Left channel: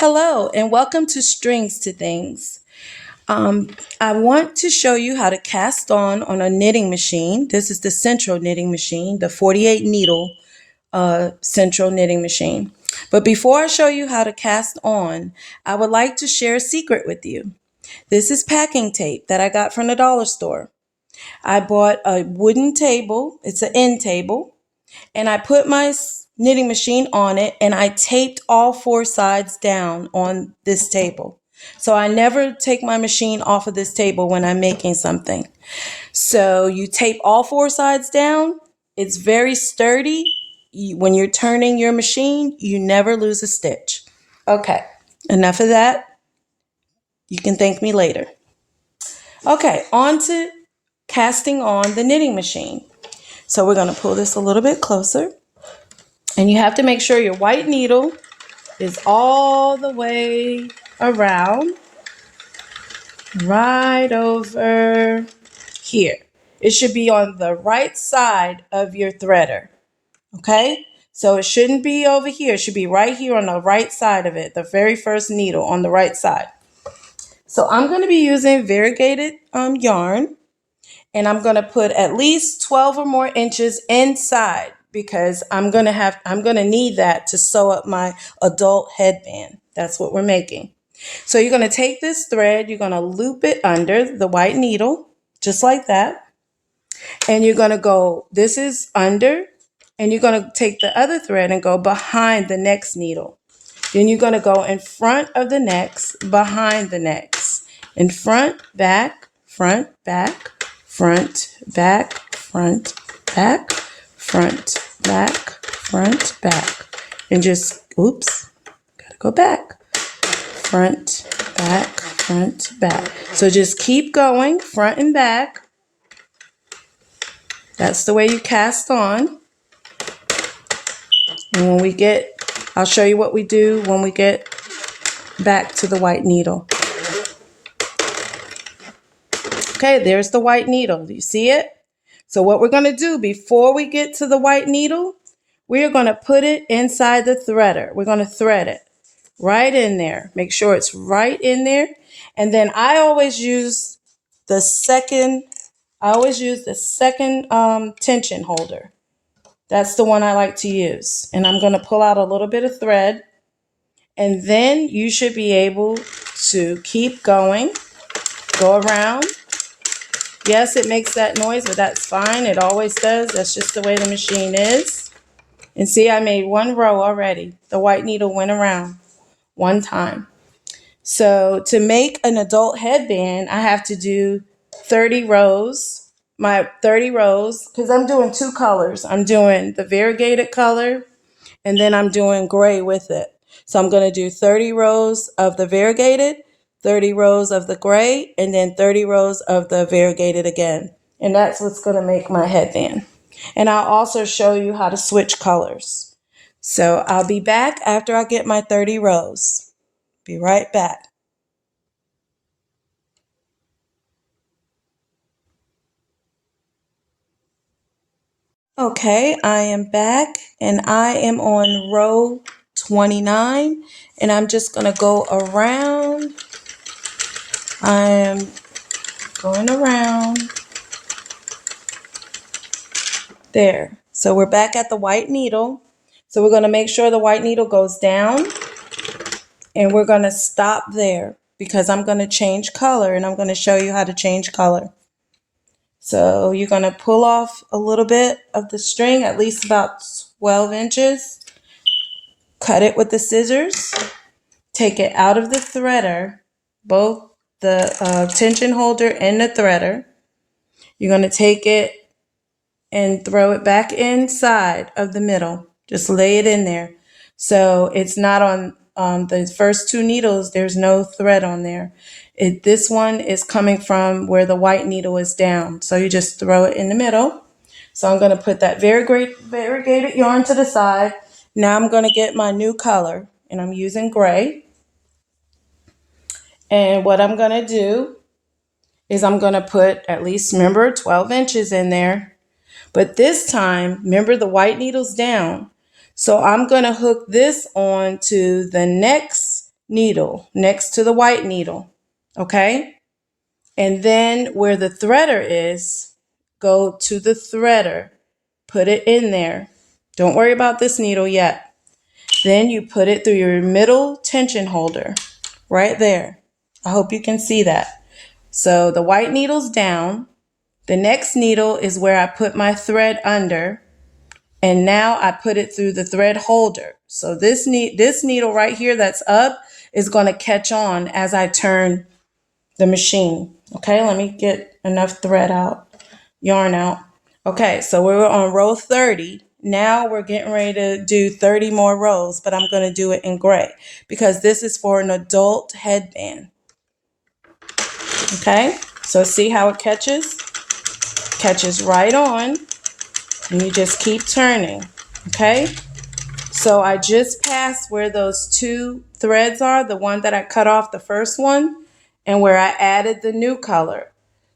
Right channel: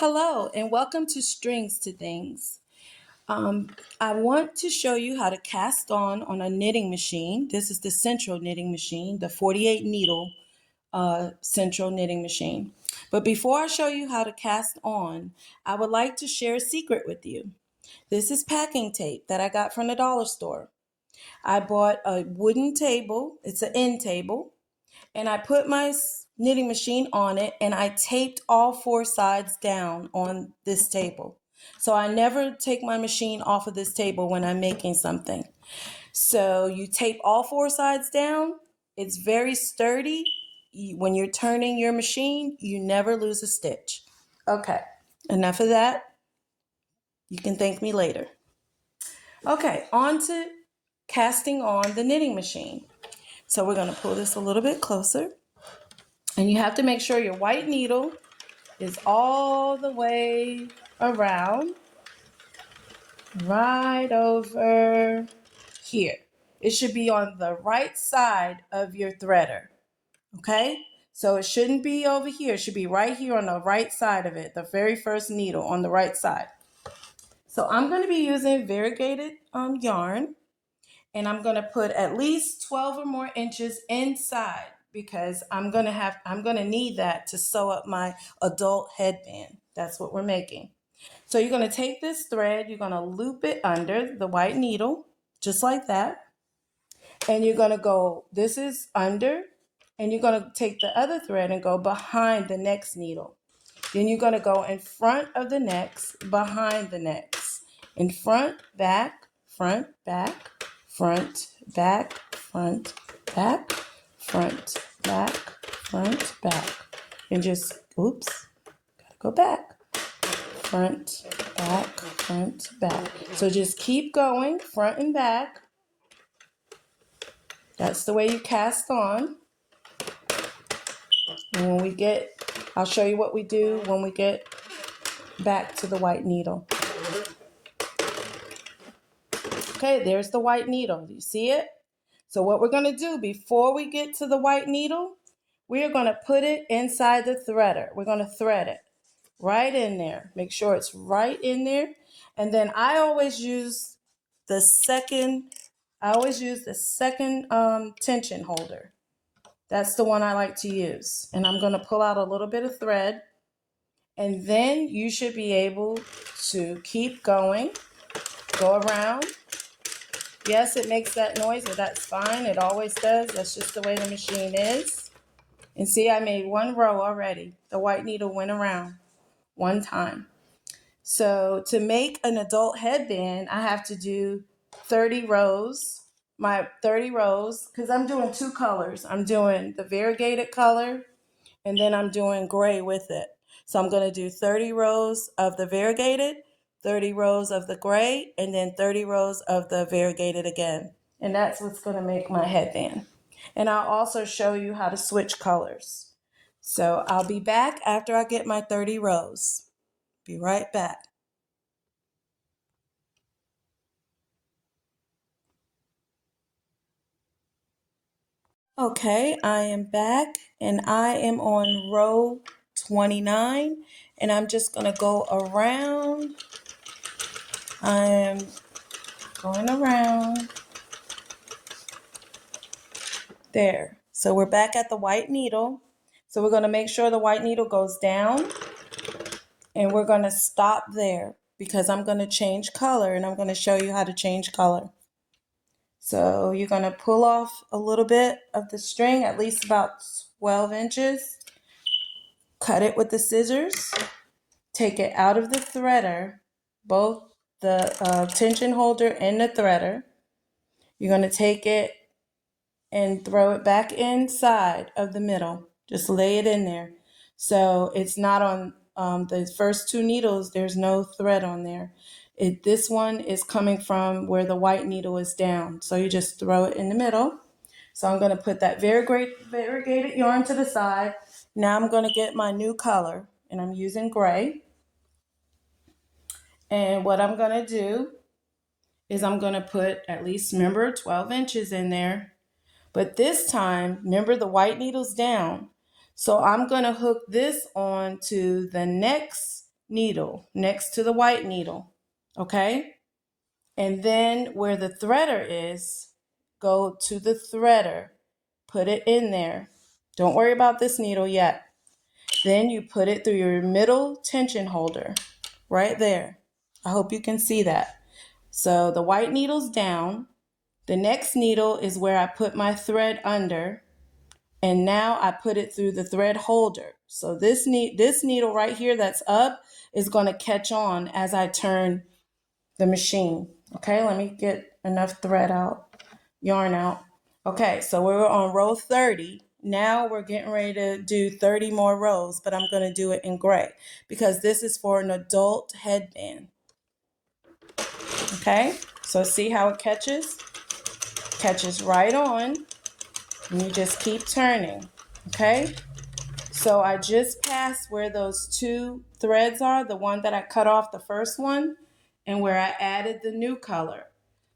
Hello, and welcome to Strings to Things. I want to show you how to cast on a knitting machine. This is the central knitting machine, the 48 needle central knitting machine. But before I show you how to cast on, I would like to share a secret with you. This is packing tape that I got from the dollar store. I bought a wooden table, it's an end table, and I put my knitting machine on it and I taped all four sides down on this table. So I never take my machine off of this table when I'm making something. So you tape all four sides down. It's very sturdy. When you're turning your machine, you never lose a stitch. Okay, enough of that. You can thank me later. Okay, on to casting on the knitting machine. So we're going to pull this a little bit closer. And you have to make sure your white needle is all the way around, right over here. It should be on the right side of your threader, okay? So it shouldn't be over here. It should be right here on the right side of it, the very first needle on the right side. So I'm going to be using variegated yarn, and I'm going to put at least 12 or more inches inside because I'm going to need that to sew up my adult headband. That's what we're making. So you're going to take this thread, you're going to loop it under the white needle, just like that. And you're going to go, this is under, and you're going to take the other thread and go behind the next needle. Then you're going to go in front of the next, behind the next, in front, back, front, back, front, back, front, back, front, back, front, back. And just, oops, gotta go back. Front, back, front, back. So just keep going, front and back. That's the way you cast on. And when we get, I'll show you what we do when we get back to the white needle. Okay, there's the white needle. Do you see it? So what we're going to do before we get to the white needle, we are going to put it inside the threader. We're going to thread it right in there. Make sure it's right in there. And then I always use the second tension holder. That's the one I like to use. And I'm going to pull out a little bit of thread. And then you should be able to keep going, go around. Yes, it makes that noise, but that's fine. It always does. That's just the way the machine is. And see, I made one row already. The white needle went around one time. So to make an adult headband, I have to do 30 rows. My 30 rows, because I'm doing two colors. I'm doing the variegated color, and then I'm doing gray with it. So I'm going to do 30 rows of the variegated, 30 rows of the gray, and then 30 rows of the variegated again. And that's what's going to make my headband. And I'll also show you how to switch colors. So I'll be back after I get my 30 rows. Be right back. Okay, I am back and I am on row 29 and I'm just going to go around. I am going around there. So we're back at the white needle. So we're going to make sure the white needle goes down and we're going to stop there because I'm going to change color and I'm going to show you how to change color. So you're going to pull off a little bit of the string, at least about 12 inches. Cut it with the scissors. Take it out of the threader, both the tension holder and the threader. You're going to take it and throw it back inside of the middle. Just lay it in there. So it's not on the first two needles, there's no thread on there. This one is coming from where the white needle is down. So you just throw it in the middle. So I'm going to put that variegated yarn to the side. Now I'm going to get my new color and I'm using gray. And what I'm going to do is I'm going to put at least, remember, 12 inches in there. But this time, remember the white needle's down. So I'm going to hook this on to the next needle next to the white needle, okay? And then where the threader is, go to the threader, put it in there. Don't worry about this needle yet. Then you put it through your middle tension holder right there. I hope you can see that. So the white needle's down. The next needle is where I put my thread under. And now I put it through the thread holder. So this needle right here that's up is going to catch on as I turn the machine. Okay, let me get enough thread out, yarn out. Okay, so we're on row 30. Now we're getting ready to do 30 more rows, but I'm going to do it in gray because this is for an adult headband. Okay, so see how it catches? Catches right on, and you just keep turning. Okay, so I just passed where those two threads are, the one that I cut off the first one, and where I added the new color.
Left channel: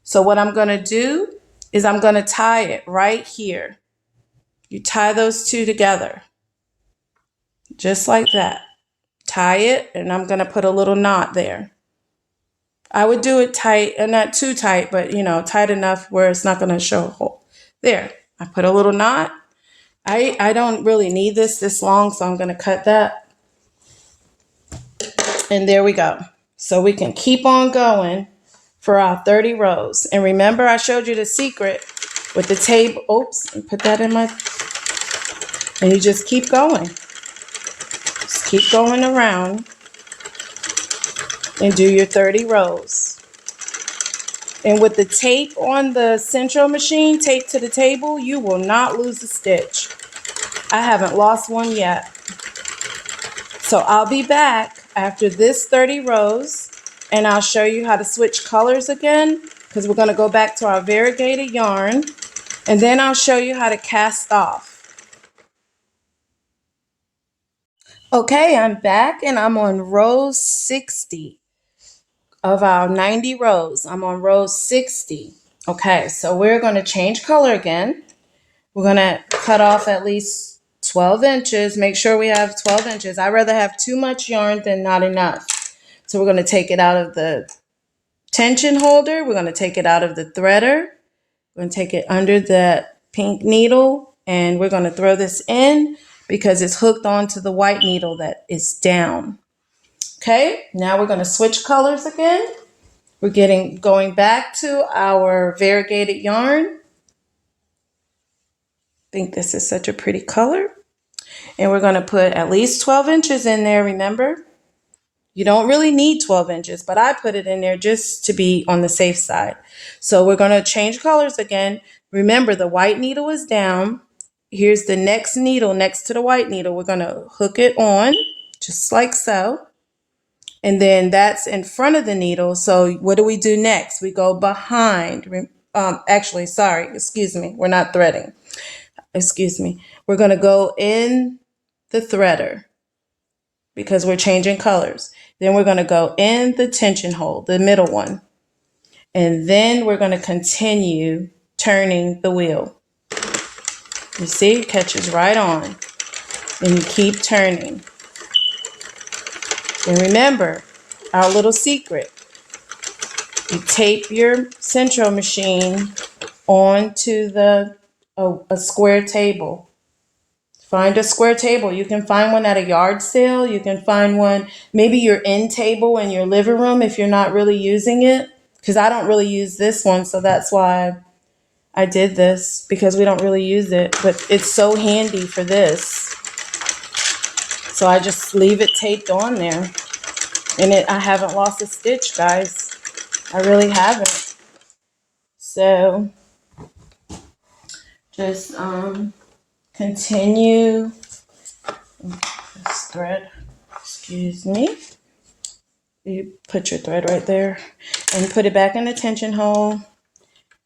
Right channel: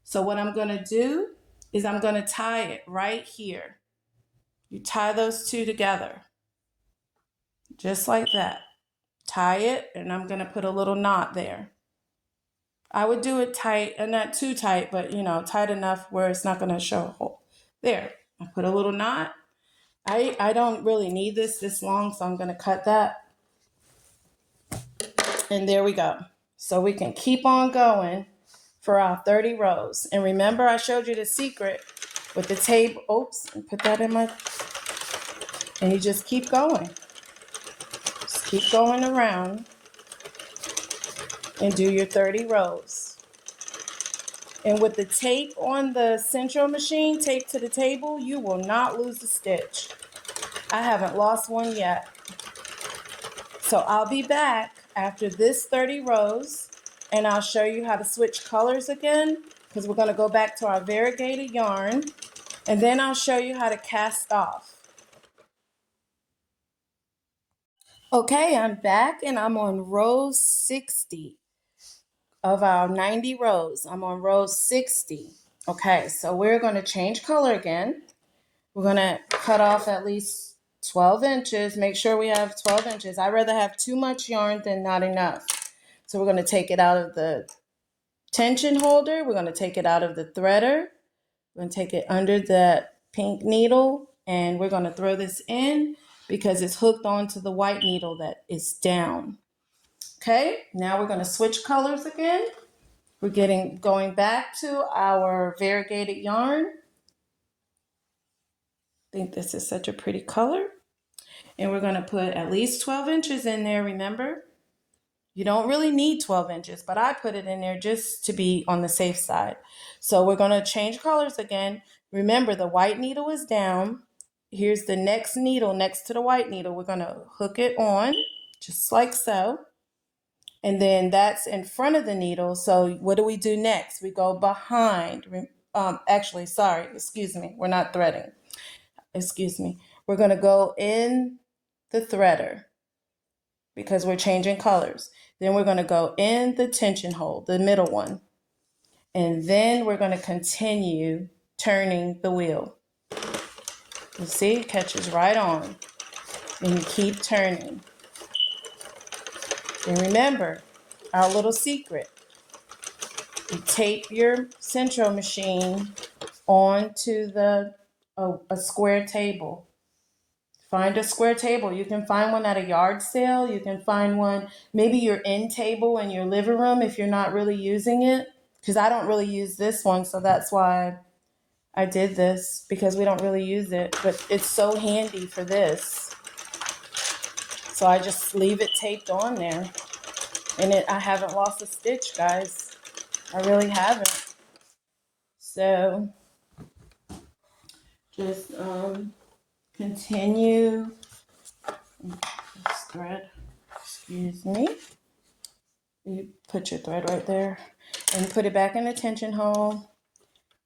So what I'm going to do is I'm going to tie it right here. You tie those two together, just like that. Tie it, and I'm going to put a little knot there. I would do it tight, and not too tight, but tight enough where it's not going to show a hole. There, I put a little knot. I don't really need this long, so I'm going to cut that. And there we go. So we can keep on going for our 30 rows. And remember, I showed you the secret with the table. Oops, and put that in my, and you just keep going. Just keep going around and do your 30 rows. And with the tape on the central machine, taped to the table, you will not lose a stitch. I haven't lost one yet. So I'll be back after this 30 rows, and I'll show you how to switch colors again, because we're going to go back to our variegated yarn, and then I'll show you how to cast off. Okay, I'm back, and I'm on row 60 of our 90 rows. I'm on row 60. Okay, so we're going to change color again. We're going to cut off at least 12 inches. Make sure we have 12 inches. I'd rather have too much yarn than not enough. So we're going to take it out of the tension holder. We're going to take it out of the threader. We're going to take it under the pink needle, and we're going to throw this in because it's hooked onto the white needle that is down. Okay, now we're going to switch colors again. We're going back to our variegated yarn. I think this is such a pretty color. And we're going to put at least 12 inches in there, remember? You don't really need 12 inches, but I put it in there just to be on the safe side. So we're going to change colors again. Remember, the white needle is down. Here's the next needle next to the white needle. We're going to hook it on, just like so. And then that's in front of the needle. So what do we do next? We go behind. Excuse me. We're not threading. Excuse me. We're going to go in the threader because we're changing colors. Then we're going to go in the tension hole, the middle one. And then we're going to continue turning the wheel. You see, it catches right on. And you keep turning. And remember, our little secret. You tape your central machine onto a square table. Find a square table. You can find one at a yard sale. You can find one, maybe your end table in your living room if you're not really using it. Because I don't really use this one, so that's why I did this, because we don't really use it. But it's so handy for this. So I just leave it taped on there. And I haven't lost a stitch, guys. I really haven't. So just continue this thread. Excuse me. You put your thread right there and put it back in the tension hole.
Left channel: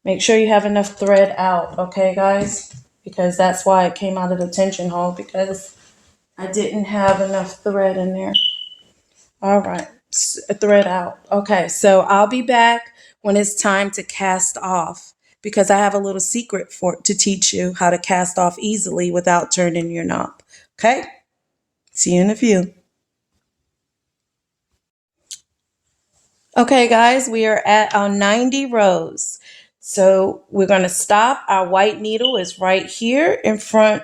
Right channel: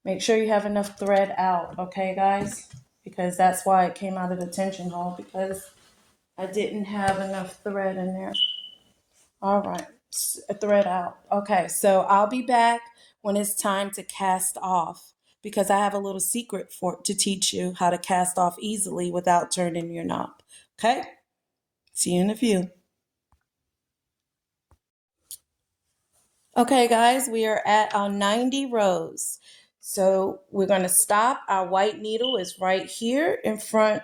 Make sure you have enough thread out, okay, guys? Because that's why it came out of the tension hole, because I didn't have enough thread in there. All right, thread out. Okay, so I'll be back when it's time to cast off, because I have a little secret to teach you how to cast off easily without turning your knob. Okay, see you in a few. Okay, guys, we are at our 90 rows. So we're going to stop. Our white needle is right here in front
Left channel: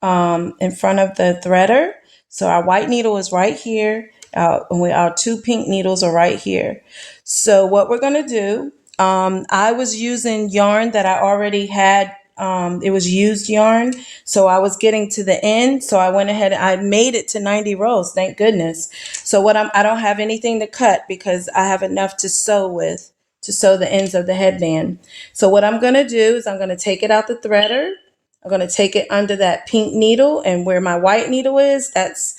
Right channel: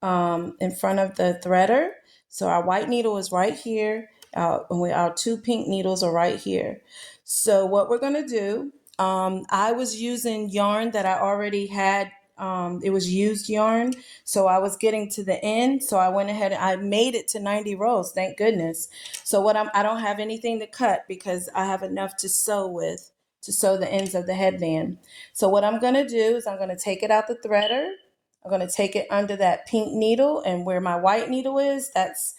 of the threader. So our white needle is right here. Our two pink needles are right here. So what we're going to do, I was using yarn that I already had. It was used yarn. So I was getting to the end. So I went ahead. I made it to 90 rows. Thank goodness. So I don't have anything to cut because I have enough to sew with, to sew the ends of the headband. So what I'm going to do is I'm going to take it out the threader. I'm going to take it under that pink needle, and where my white needle is, that's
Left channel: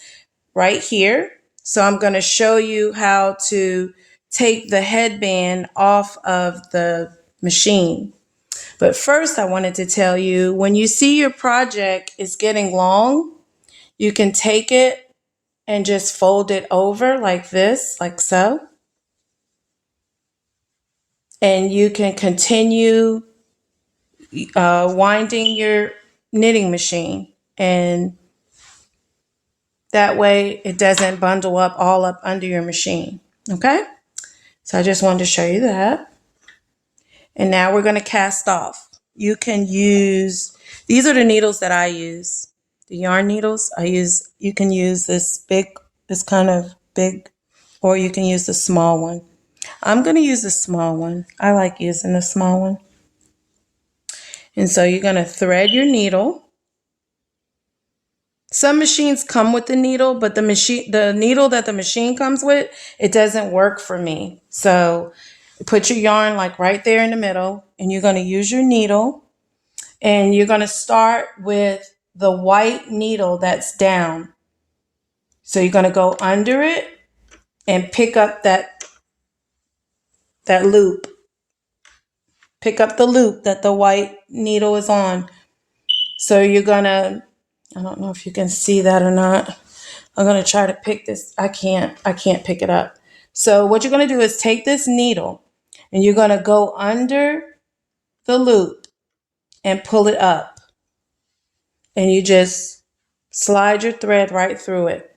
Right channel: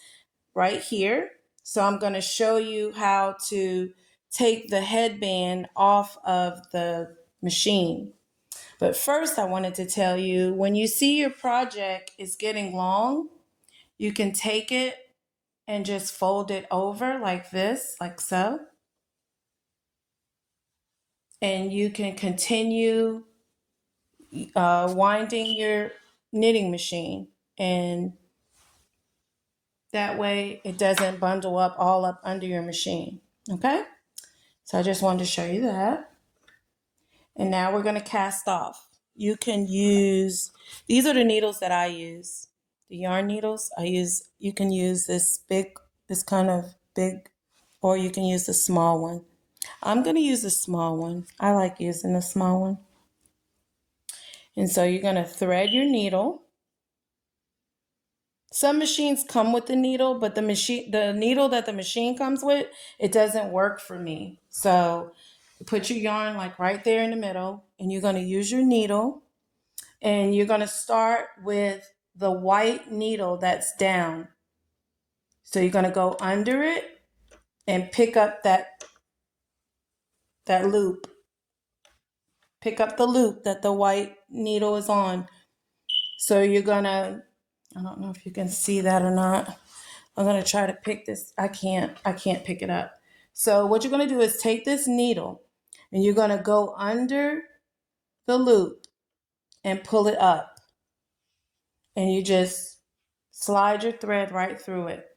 right here. So I'm going to show you how to take the headband off of the machine. But first, I wanted to tell you, when you see your project is getting long, you can take it and just fold it over like this, like so. And you can continue winding your knitting machine, and that way it doesn't bundle up all up under your machine. Okay? So I just wanted to show you that. And now we're going to cast off. You can use, these are the needles that I use. The yarn needles I use, you can use this kind of big, or you can use the small one. I'm going to use the small one. I like using the small one. And so you're going to thread your needle. Some machines come with the needle, but the needle that the machine comes with, it doesn't work for me. So put your yarn like right there in the middle, and you're going to use your needle, and you're going to start with the white needle that's down. So you're going to go under it and pick up that loop. Pick up the loop that the white needle is on. So you're going to, I don't know if you can see that or not. I'm going to try to pick this. I can't pick it up. So what you're going to do is take this needle and you're going to go under the loop and pull it up. And you just slide your thread right through it.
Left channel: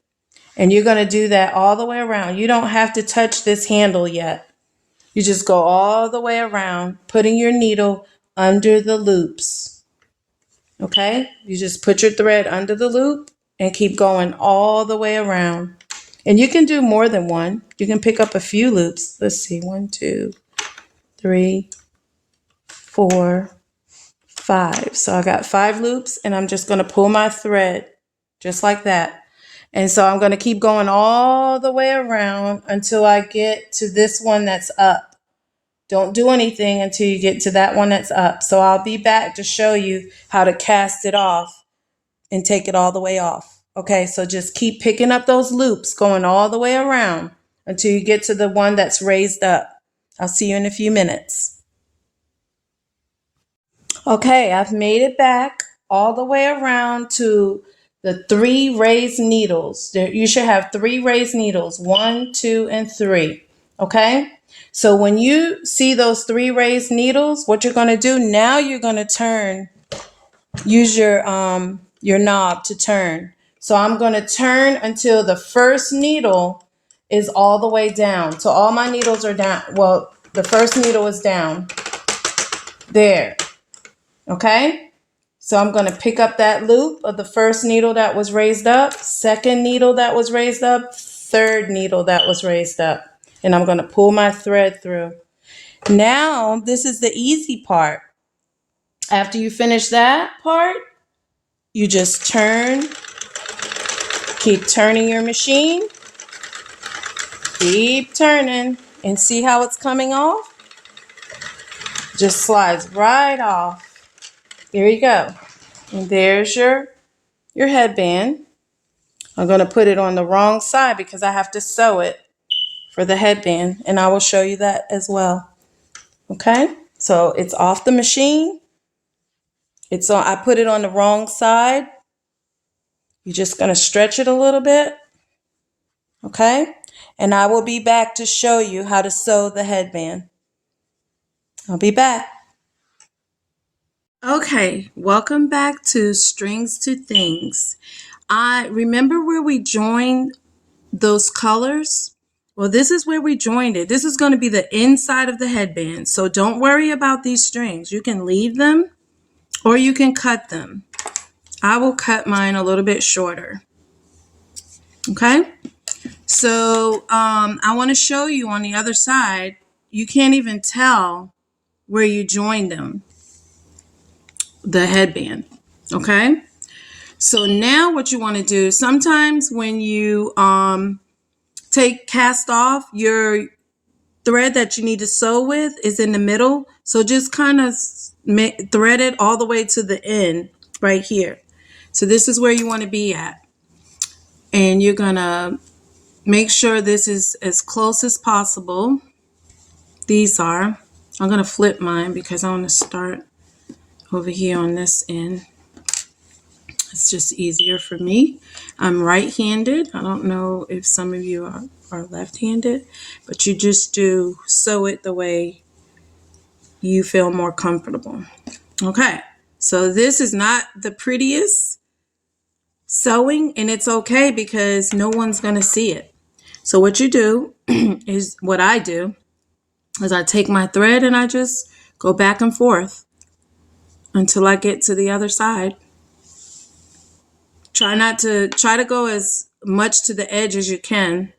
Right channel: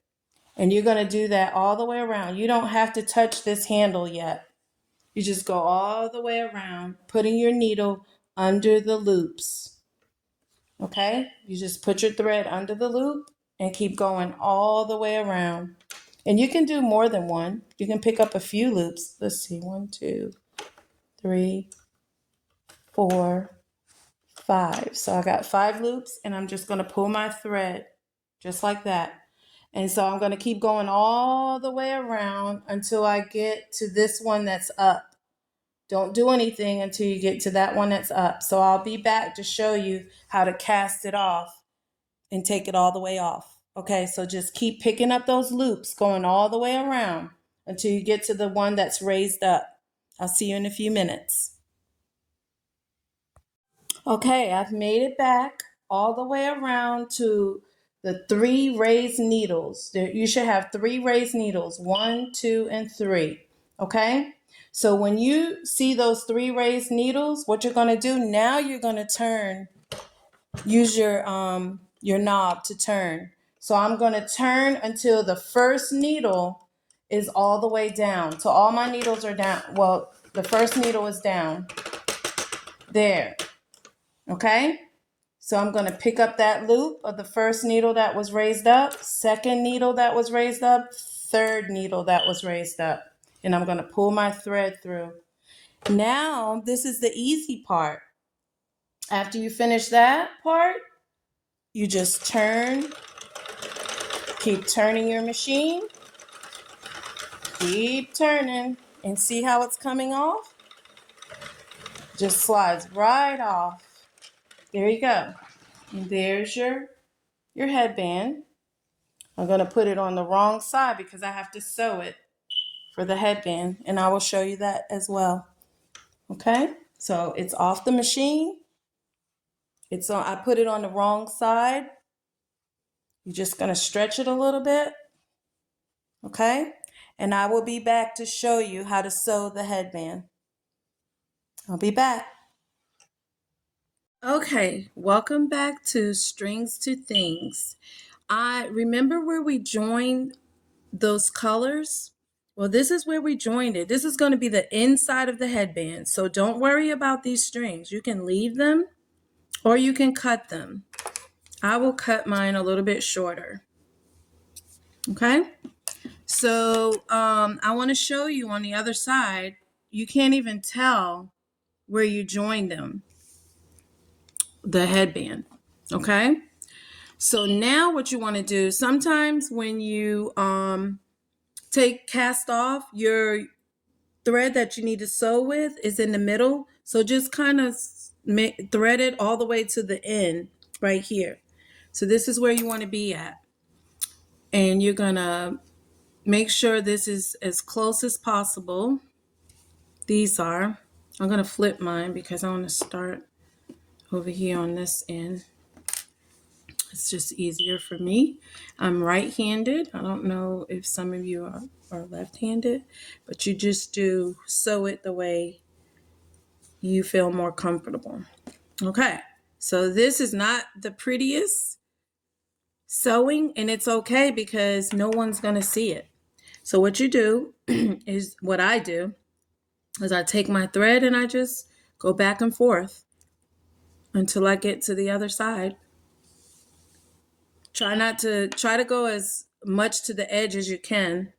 And you're going to do that all the way around. You don't have to touch this handle yet. You just go all the way around, putting your needle under the loops. Okay? You just put your thread under the loop and keep going all the way around. And you can do more than one. You can pick up a few loops. Let's see, 1, 2, 3, 4, 5. So I got 5 loops, and I'm just going to pull my thread just like that. And so I'm going to keep going all the way around until I get to this one that's up. Don't do anything until you get to that one that's up. So I'll be back to show you how to cast it off and take it all the way off. Okay, so just keep picking up those loops, going all the way around until you get to the one that's raised up. I'll see you in a few minutes. Okay, I've made it back all the way around to the 3 raised needles. You should have 3 raised needles, 1, 2, and 3. Okay, so when you see those 3 raised needles, what you're going to do now, you're going to turn. Use your knob to turn. So I'm going to turn until the first needle is all the way down. So all my needles are down. Well, the first needle is down. There. Okay? So I'm going to pick up that loop of the first needle that was raised up, second needle that was raised up, third needle that was raised up. And I'm going to pull my thread through. Now, this is the easy part. After you finish that part, you just turn, keep turning your machine, keep turning, and see how it's coming off? Just slides right off. Here you go. And there's your headband. I'm going to put it on the wrong side because I have to sew it for the headband, and I will show you that as well. Okay? So it's off the machine. I put it on the wrong side. You're just going to stretch it a little bit. Okay? And I will be back to show you how to sew the headband. I'll be back. Okay, welcome back to Strings to Things. I remember where we joined those colors. Well, this is where we joined it. This is going to be the inside of the headband. So don't worry about these strings. You can leave them or you can cut them. I will cut mine a little bit shorter. Okay? So I want to show you on the other side, you can't even tell where you joined them, the headband. Okay? So now what you want to do, sometimes when you cast off, your thread that you need to sew with is in the middle. So just kind of thread it all the way to the end right here. So this is where you want to be at. And you're going to make sure this is as close as possible. These are. I'm going to flip mine because I want to start over here on this end. It's just easier for me. I'm right-handed. I don't know if some of you are left-handed, but you just do sew it the way you feel more comfortable. Okay, so this is not the prettiest sewing, and it's okay because no one's going to see it. So what you do is, what I do is I take my thread and I just go back and forth until I get to the other side. Try to go as much to the edge as you can,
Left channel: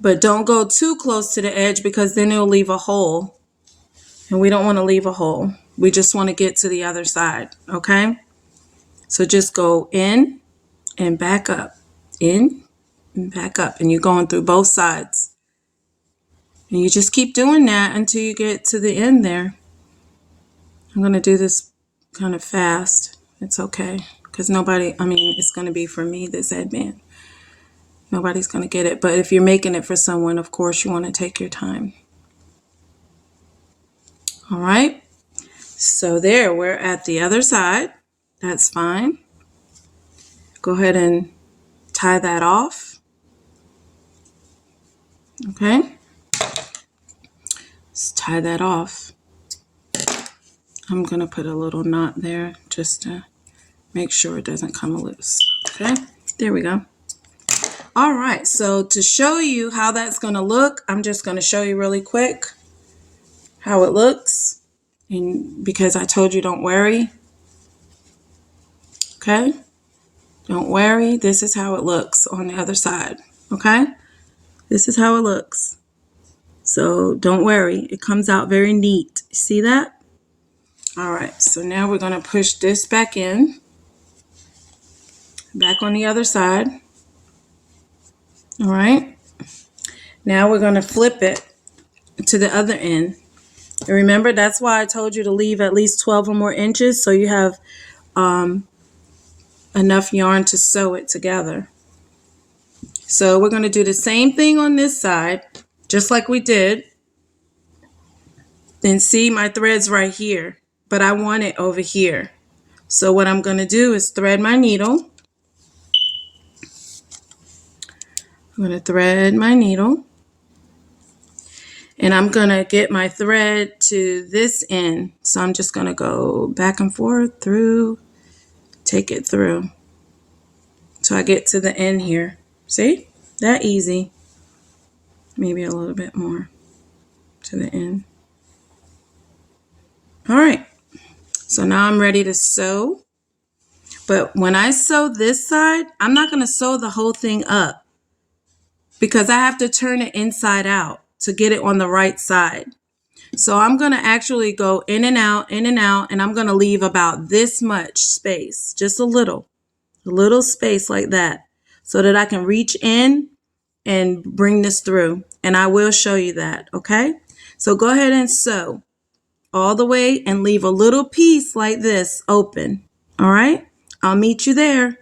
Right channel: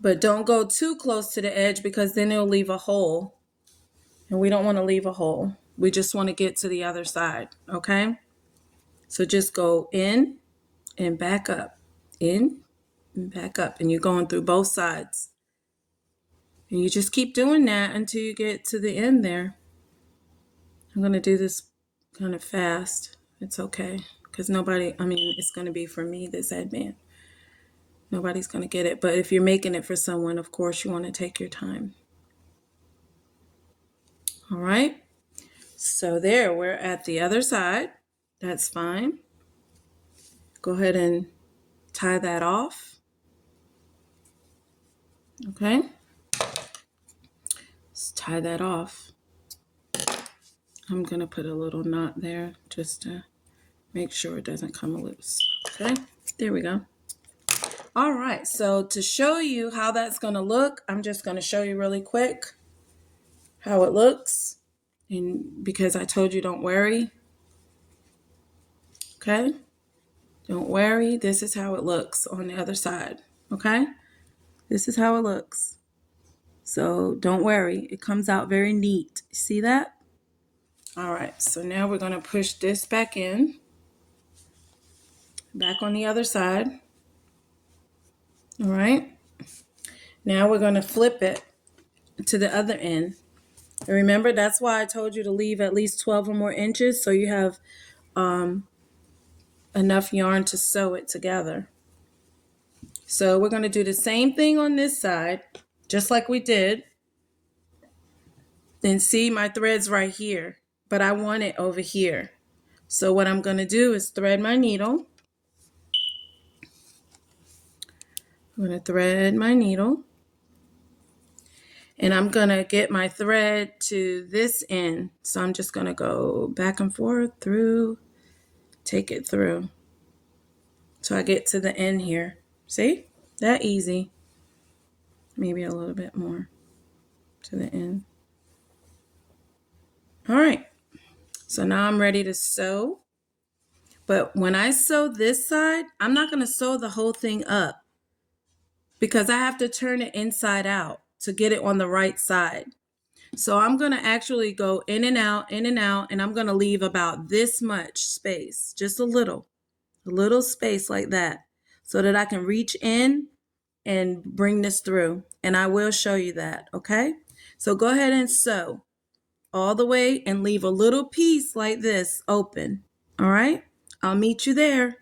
but don't go too close to the edge because then it'll leave a hole. And we don't want to leave a hole. We just want to get to the other side, okay? So just go in and back up, in and back up, and you're going through both sides. And you just keep doing that until you get to the end there. I'm going to do this kind of fast. It's okay, because it's going to be for me, this headband. Nobody's going to get it. But if you're making it for someone, of course, you want to take your time. All right. So there, we're at the other side. That's fine. Go ahead and tie that off. Okay. Let's tie that off. I'm going to put a little knot there just to make sure it doesn't come loose. Okay. There we go. All right. So to show you how that's going to look, I'm just going to show you really quick how it looks. And because I told you don't worry. Okay. Don't worry. This is how it looks on the other side. Okay. This is how it looks. So don't worry. It comes out very neat. See that? All right. So now we're going to push this back in. Back on the other side. All right. Now we're going to flip it to the other end. And remember, that's why I told you to leave at least 12 or more inches so you have enough yarn to sew it together. So we're going to do the same thing on this side, just like we did. Then see, my thread's right here, but I want it over here. So what I'm going to do is thread my needle. I'm going to thread my needle. And I'm going to get my thread to this end. So I'm just going to go back and forth through, take it through. So I get to the end here. See? That easy. Maybe a little bit more to the end. All right. So now I'm ready to sew. But when I sew this side, I'm not going to sew the whole thing up because I have to turn it inside out to get it on the right side. So I'm going to actually go in and out, and I'm going to leave about this much space, just a little space like that, so that I can reach in and bring this through. And I will show you that, okay? So go ahead and sew all the way and leave a little piece like this open, all right? I'll meet you there.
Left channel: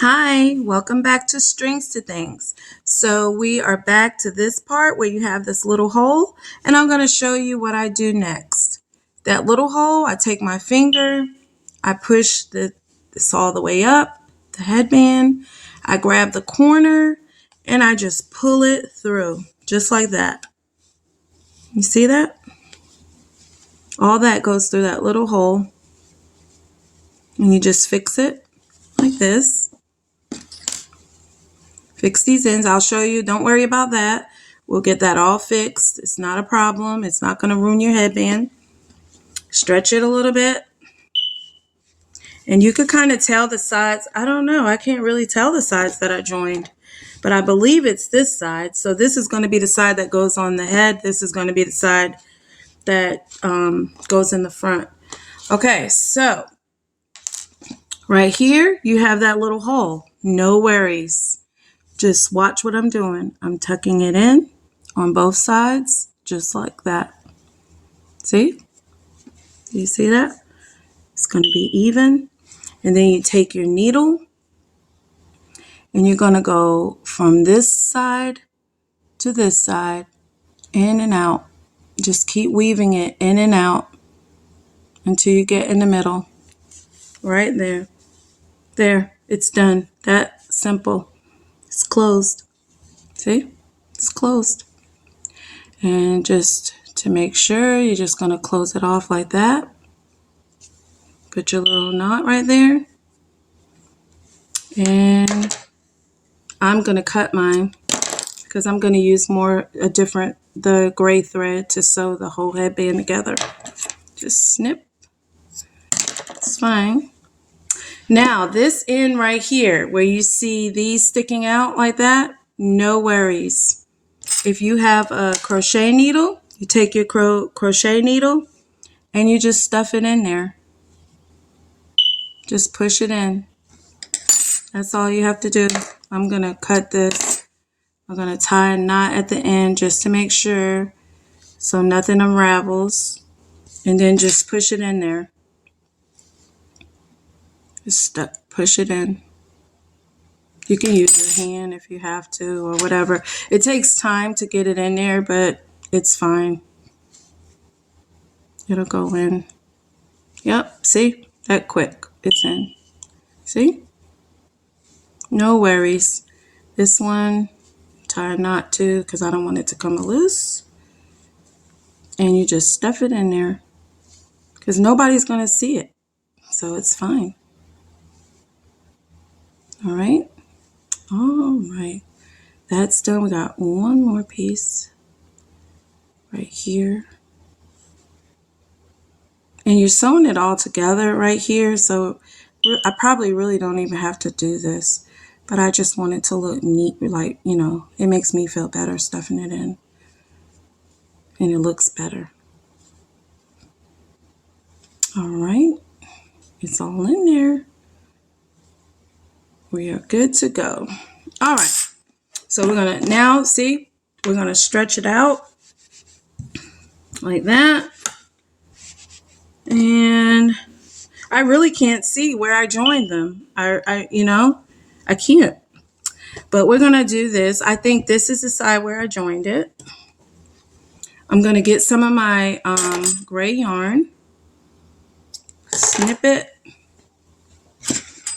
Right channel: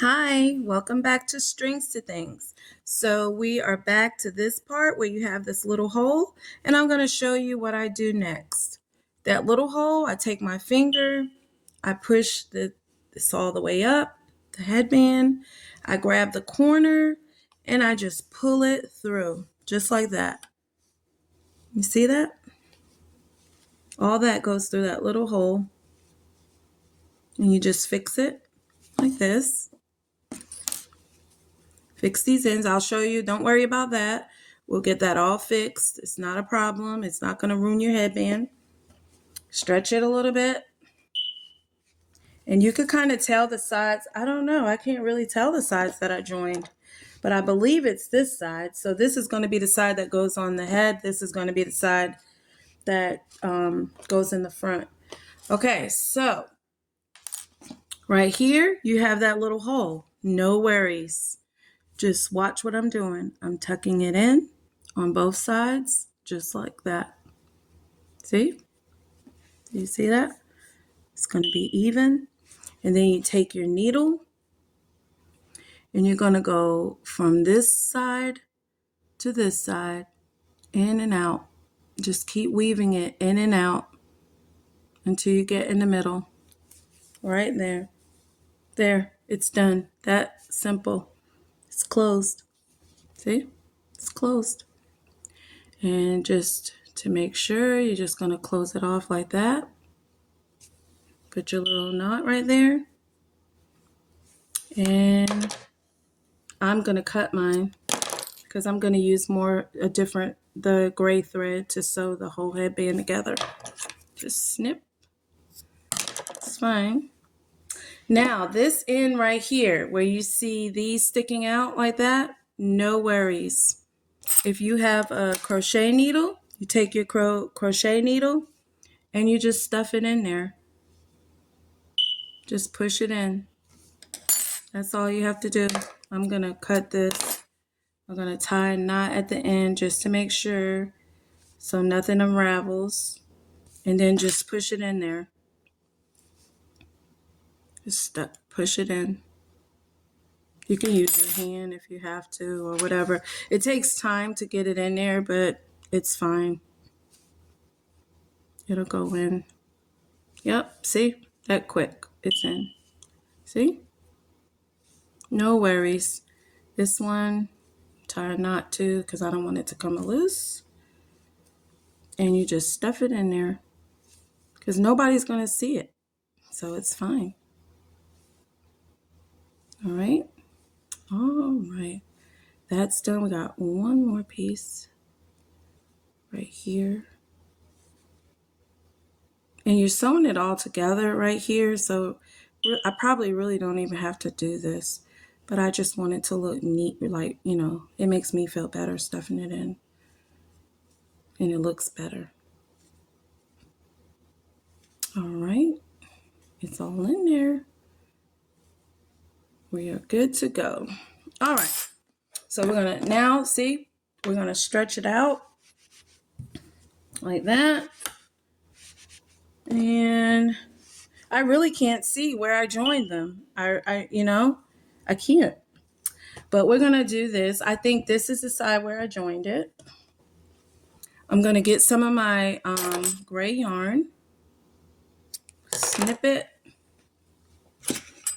Hi, welcome back to Strings to Things. So we are back to this part where you have this little hole, and I'm going to show you what I do next. That little hole, I take my finger, I push this all the way up, the headband, I grab the corner, and I just pull it through, just like that. You see that? All that goes through that little hole, and you just fix it like this. Fix these ends. I'll show you. Don't worry about that. We'll get that all fixed. It's not a problem. It's not going to ruin your headband. Stretch it a little bit. And you could kind of tell the sides. I don't know. I can't really tell the sides that I joined. But I believe it's this side. So this is going to be the side that goes on the head. This is going to be the side that goes in the front. Okay, so right here, you have that little hole. No worries. Just watch what I'm doing. I'm tucking it in on both sides, just like that. See? Do you see that? It's going to be even. And then you take your needle and you're going to go from this side to this side, in and out. Just keep weaving it in and out until you get in the middle. Right there. There. It's done. That simple. It's closed. See? It's closed. And just to make sure, you're just going to close it off like that. Put your little knot right there. And I'm going to cut mine because I'm going to use the gray thread to sew the whole headband together. Just snip. It's fine. Now, this end right here, where you see these sticking out like that, no worries. If you have a crochet needle, you take your crochet needle and you just stuff it in there. Just push it in. That's all you have to do. I'm going to cut this. I'm going to tie a knot at the end just to make sure so nothing unravels. And then just push it in there. Just push it in. You can use your hand if you have to or whatever. It takes time to get it in there, but it's fine. It'll go in. Yep, see? That quick. It's in. See? No worries. This one, tie a knot to because I don't want it to come loose. And you just stuff it in there because nobody's going to see it. So it's fine. All right. All right. That's done. We got one more piece right here. And you're sewing it all together right here. So I probably really don't even have to do this. But I just want it to look neat. Like, you know, it makes me feel better stuffing it in. And it looks better. All right. It's all in there. We are good to go. All right. So we're going to now, see, we're going to stretch it out like that. And I really can't see where I joined them. I can't. But we're going to do this. I think this is the side where I joined it. I'm going to get some of my gray yarn. Snip it.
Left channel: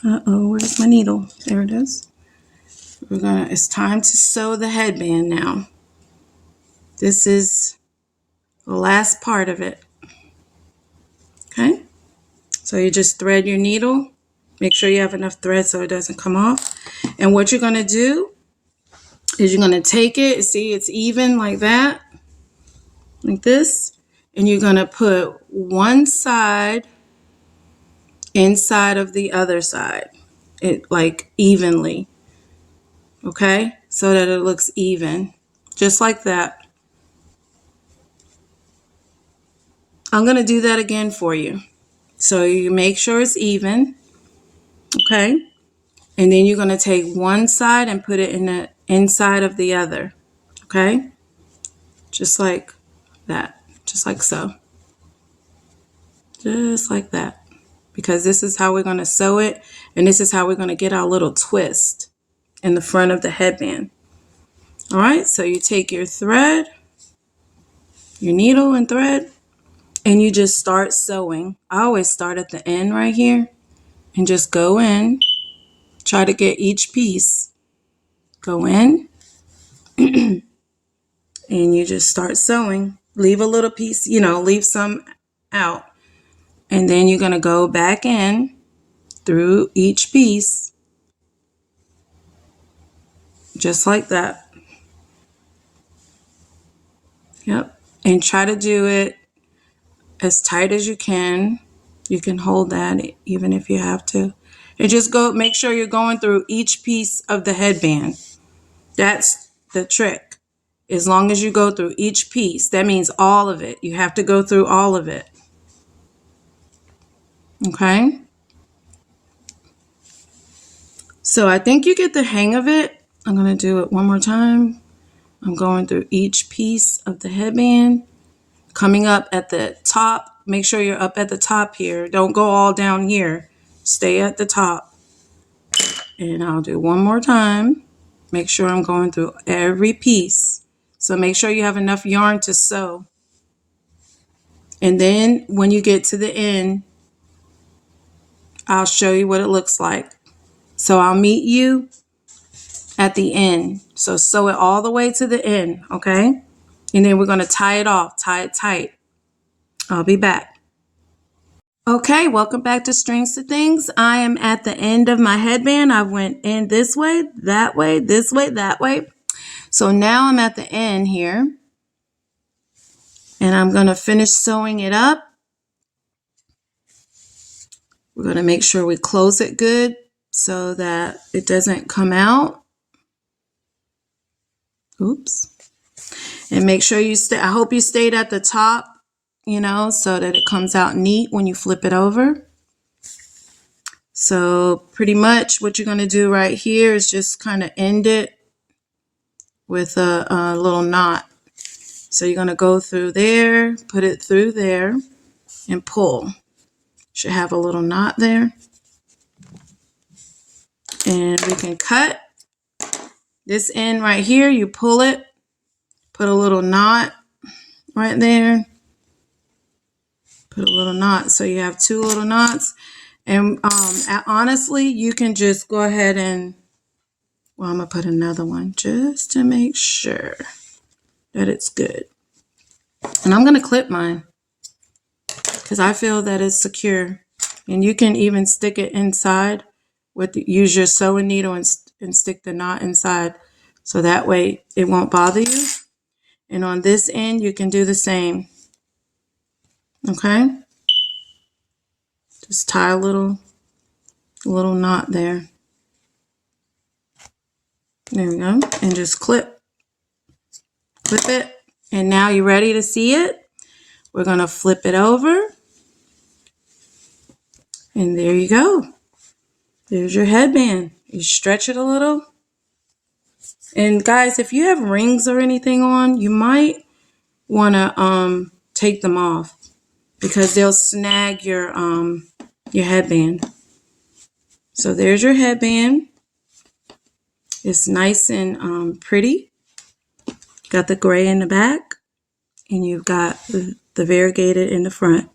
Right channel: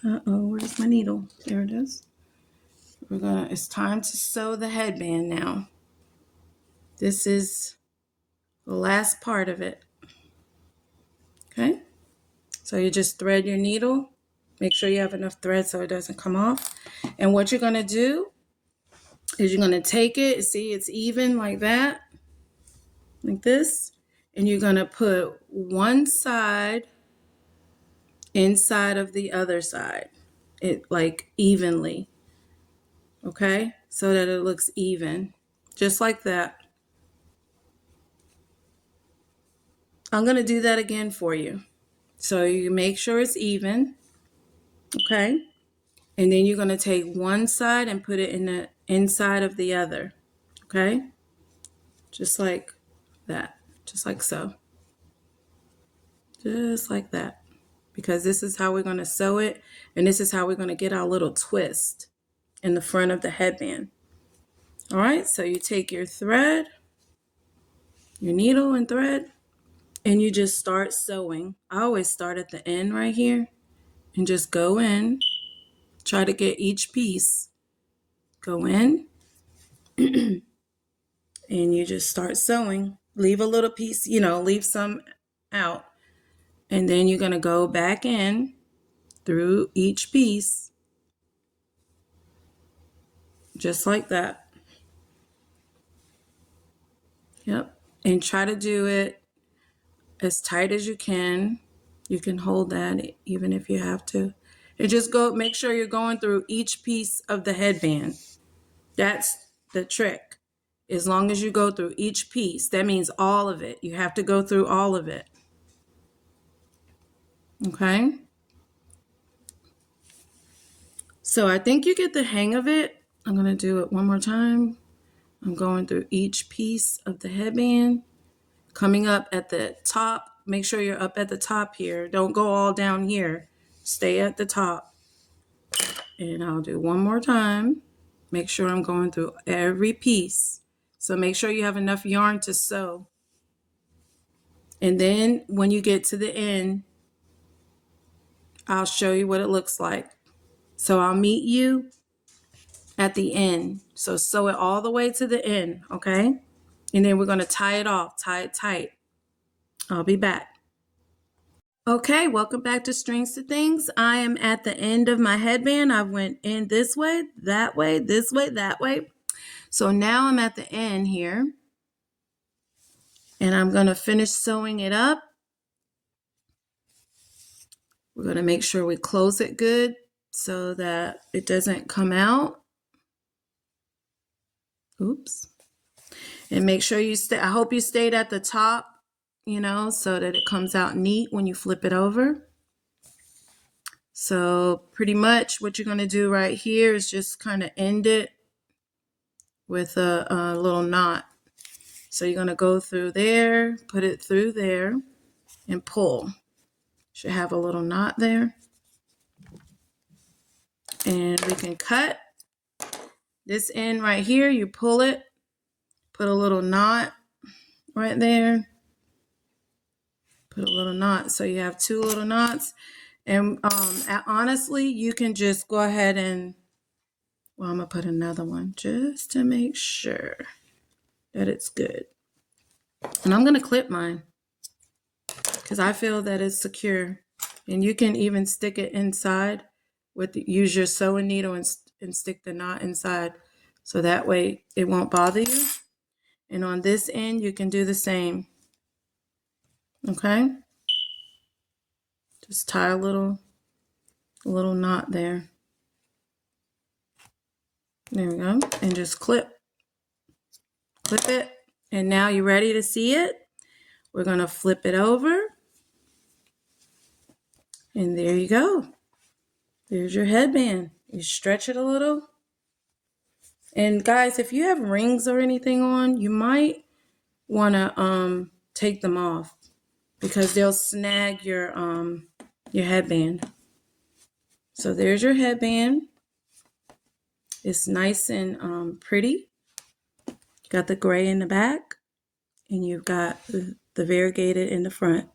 Uh-oh, where's my needle? There it is. It's time to sew the headband now. This is the last part of it. Okay? So you just thread your needle. Make sure you have enough thread so it doesn't come off. And what you're going to do is you're going to take it. See, it's even like that. Like this. And you're going to put one side inside of the other side. Like evenly. Okay? So that it looks even. Just like that. I'm going to do that again for you. So you make sure it's even. Okay? And then you're going to take one side and put it in the inside of the other. Okay? Just like that. Just like so. Just like that. Because this is how we're going to sew it. And this is how we're going to get our little twist in the front of the headband. All right? So you take your thread, your needle and thread, and you just start sewing. I always start at the end right here and just go in. Try to get each piece. Go in. And you just start sewing. Leave a little piece, leave some out. And then you're going to go back in through each piece. just like that. Yep. And try to do it as tight as you can. You can hold that even if you have to. And just make sure you're going through each piece of the headband. That's the trick. As long as you go through each piece, that means all of it. You have to go through all of it. Okay? So I think you get the hang of it. I'm going to do it one more time. I'm going through each piece of the headband. Coming up at the top. Make sure you're up at the top here. Don't go all down here. Stay at the top. And I'll do one more time. Make sure I'm going through every piece. So make sure you have enough yarn to sew. And then when you get to the end, I'll show you what it looks like. So I'll meet you at the end. So sew it all the way to the end, okay? And then we're going to tie it off, tie it tight. I'll be back. Okay, welcome back to Strings to Things. I am at the end of my headband. I went in this way, that way, this way, that way. So now I'm at the end here. And I'm going to finish sewing it up. We're going to make sure we close it good so that it doesn't come out. Oops. And make sure you stay. I hope you stayed at the top, so that it comes out neat when you flip it over. So pretty much what you're going to do right here is just kind of end it with a little knot. So you're going to go through there, put it through there, and pull. Should have a little knot there. And we can cut this end right here. You pull it, put a little knot right there. Put a little knot. So you have two little knots. And honestly, you can just go ahead and, I'm going to put another one just to make sure that it's good. And I'm going to clip mine because I feel that it's secure. And you can even stick it inside use your sewing needle and stick the knot inside. So that way it won't bother you. And on this end, you can do the same. Okay? Just tie a little knot there. There we go. And just clip it. And now you're ready to see it. We're going to flip it over. And there you go. There's your headband. You stretch it a little. And guys, if you have rings or anything on, you might want to take them off because they'll snag your headband. So there's your headband. It's nice and pretty. Got the gray in the back, and you've got the variegated in the front.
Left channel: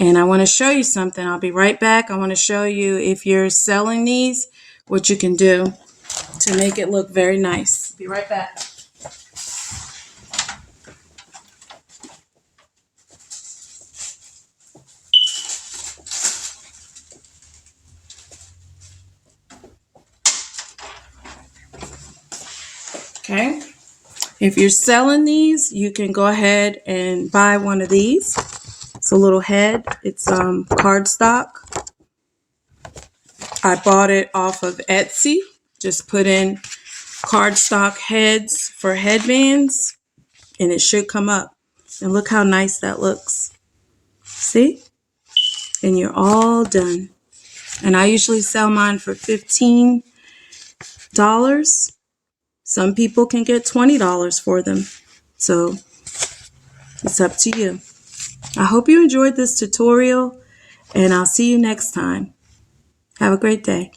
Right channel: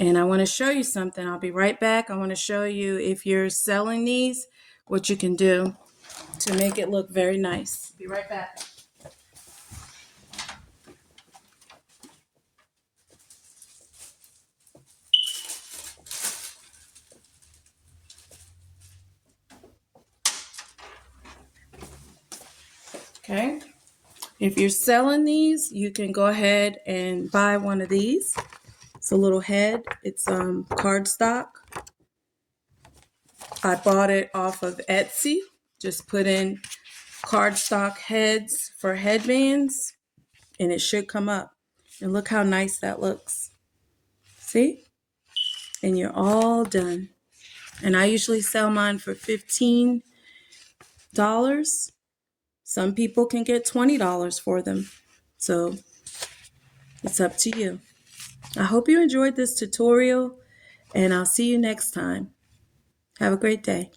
And I want to show you something. I'll be right back. I want to show you, if you're selling these, what you can do to make it look very nice. Be right back. Okay. If you're selling these, you can go ahead and buy one of these. It's a little head. It's cardstock. I bought it off of Etsy. Just put in cardstock heads for headbands, and it should come up. And look how nice that looks. See? And you're all done. And I usually sell mine for $15. Some people can get $20 for them. So it's up to you. I hope you enjoyed this tutorial, and I'll see you next time. Have a great day.